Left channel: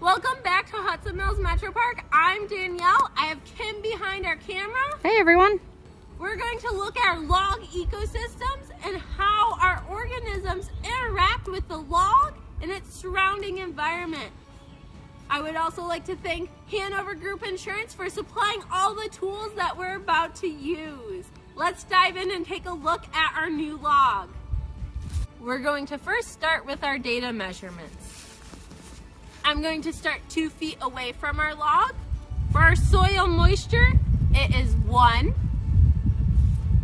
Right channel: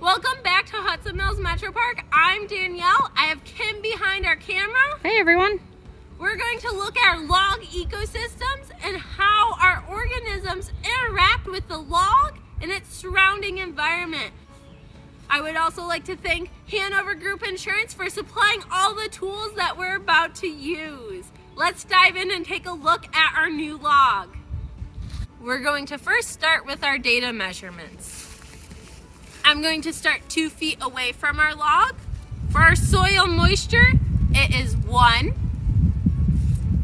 Welcome back to Hudson Mills Metropark. I'm Danielle. I have Kim behind our camera. Hey everyone. We're going to look at our log ecosystems and how our organisms interact with the log and its surrounding environment. I would also like to thank Hanover Group Insurance for supplying all the tools that we're about to use. Let's dive in and take a look at our new log. We're going to first start with our data measurements. I'm going to start 2 feet away from our log. For our soil moisture, it is 1.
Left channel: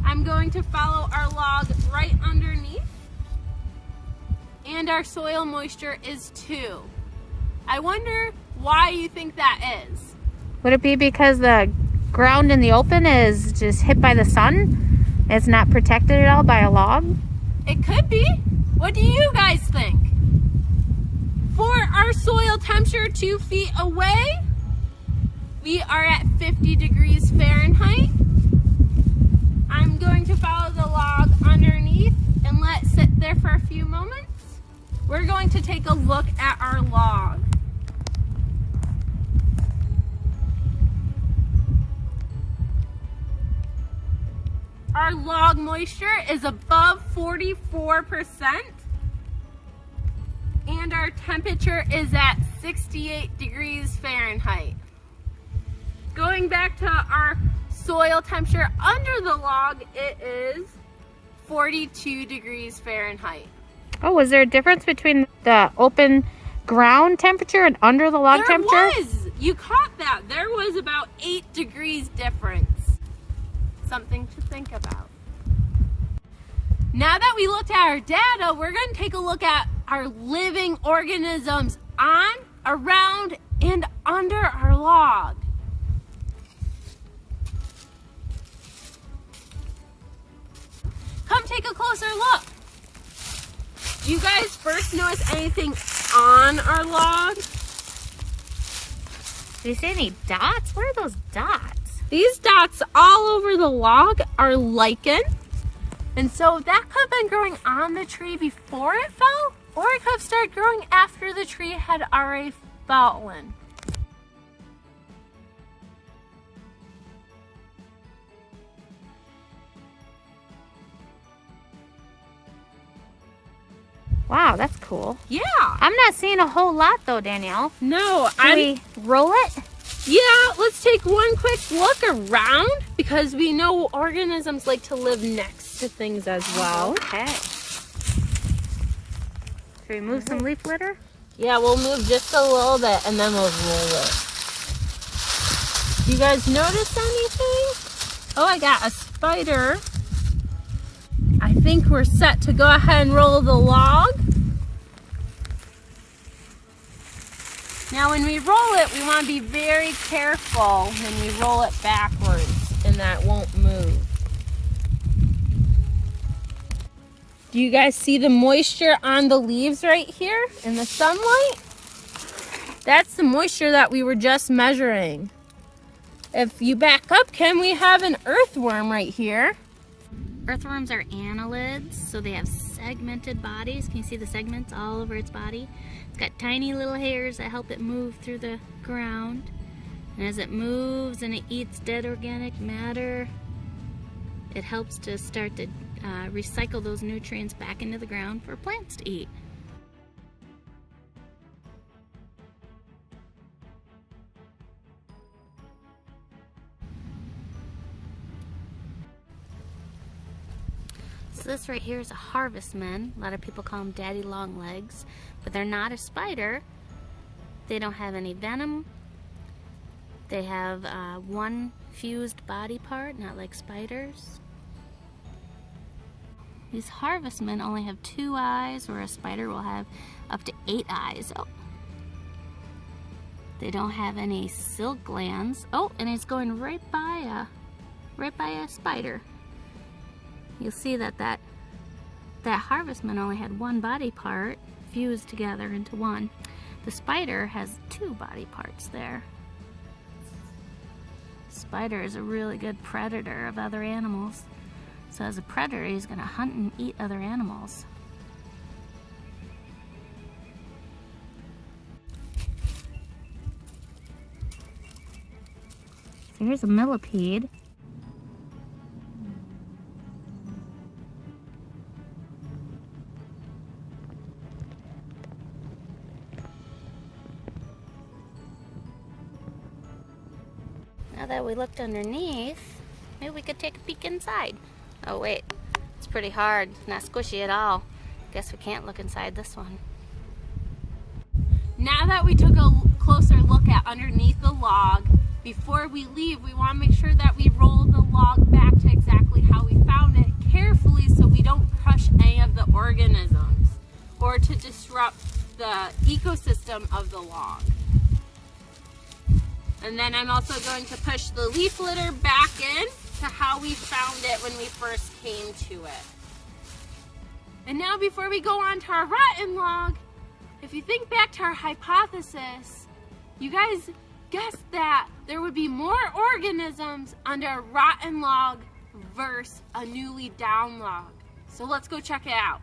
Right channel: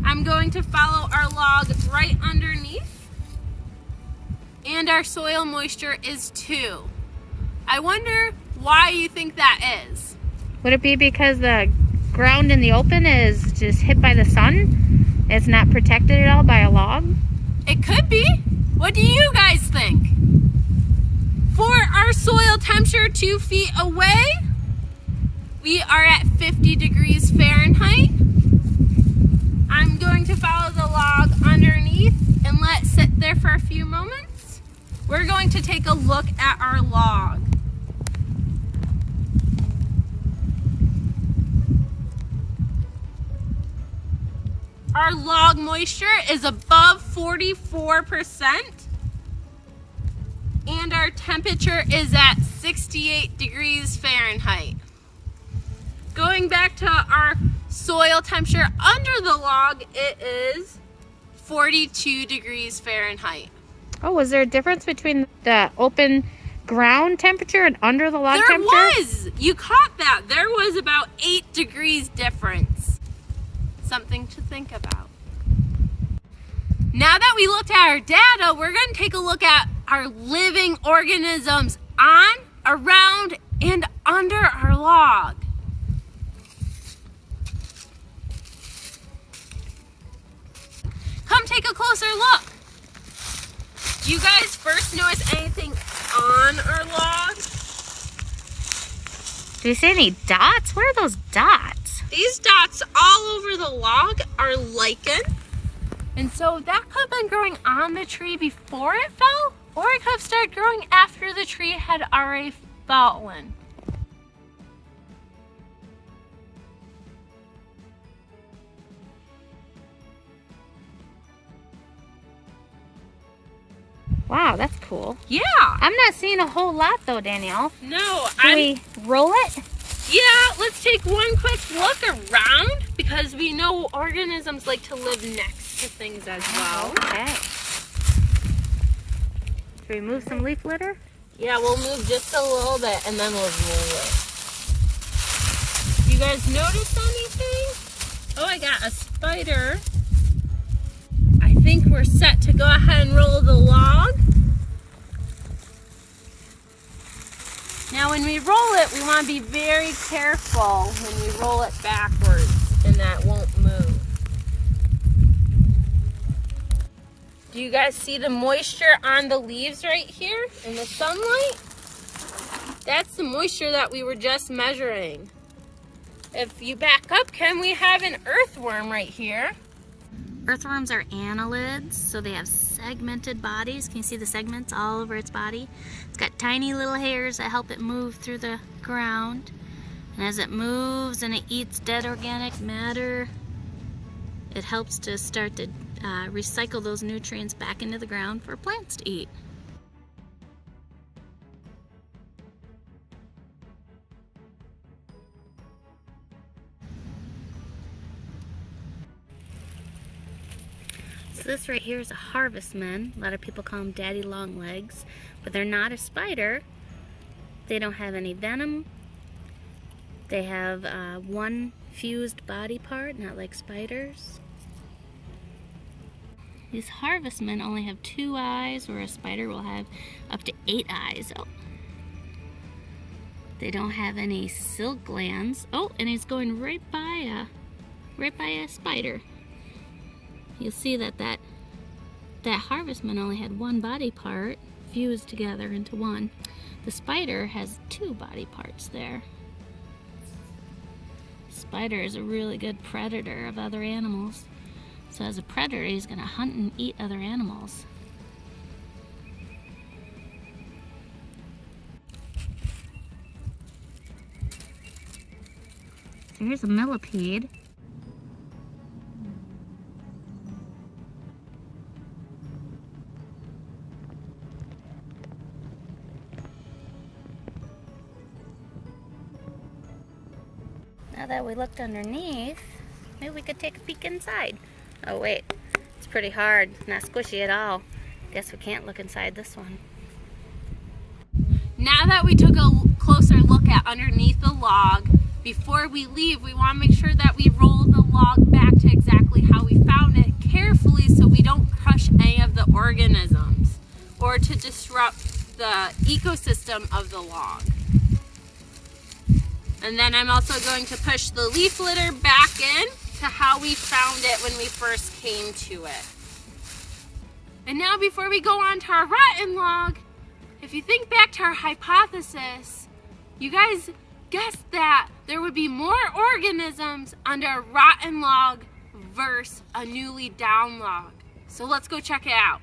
I'm going to follow our log right underneath, and our soil moisture is 2. I wonder why you think that is. Would it be because the ground in the open is just hit by the sun? It's not protected at all by a log? It could be. What do you guys think? For our soil temperature 2 feet away, we are at 50 degrees Fahrenheit. I'm going to follow the log underneath and let it sit there for a few moments. We're going to take a look at our log. Our log moisture is above 44%. And our temperature is at 68 degrees Fahrenheit. Going back to our soil temperature under the log, it is 42 degrees Fahrenheit. Oh, was there a difference between the open ground temperature and under the log temperature? There was! You caught that. There was about 8 degrees difference. Something to think about. Now that we looked at our data, we're going to take a look at our living organisms on, around, and under our log. Come take a closer look. Do you guys first notice anything on our log? Do you see any dots? What are those dots? These dots all over the log are lichen. And so that could have been growing on the tree before it fell, or it could have started growing after the tree had already fallen. Wow, that's cool. Yeah. I'm not seeing a whole lot though, Danielle. No. Should we roll it? Yeah, let's take one quick look around because we know organisms like to live next to things as well. Okay. Should we move some leaf litter? Yeah, we'll move just a little bit and then we'll roll it. You guys notice anything? Oh, I got a spider. I think we're set to go ahead and roll the log. Now when we roll it, we want to be very careful when we roll it backwards and that won't move. Do you guys see the moisture on the leaves right here in the sunlight? That's the moisture that we were just measuring. If you back up, Kim, we have an earthworm right here. Earthworms are annelids, so they have segmented bodies. Can you see the segments all over its body? It's got tiny little hairs that help it move through the ground. And as it moves and it eats dead organic matter, it helps to start to recycle those nutrients back into the ground for plants to eat. So this right here is a harvestman. A lot of people call them daddy long legs, but they're not a spider. They don't have any venom. They have one fused body part, not like spiders. These harvestmen only have 2 eyes, where a spider will have up to 8 eyes. Oh. They don't have any silk glands. Oh, and it's going right by a spider. You'll see that that harvestman only had one body part fused together into one. The spider has two body parts there. Spider is a really good predator of other animals. So as a predator, he's going to hunt and eat other animals. Here's a millipede. Now that we looked underneath, maybe we could take a peek inside. Oh wait, it's pretty hard, not squishy at all. Guess we can't look inside this one. Now that we took a closer look at underneath the log, before we leave, we want to make sure that we roll the log back to exactly how we found it carefully so we don't crush any of the organisms or to disrupt the ecosystem of the log. And then I'm also going to push the leaf litter back in to how we found it when we first came to it. And now before we go on to our rotten log, if you think back to our hypothesis, you guys guessed that there would be more organisms under a rotten log versus a newly down log. So let's go check it out.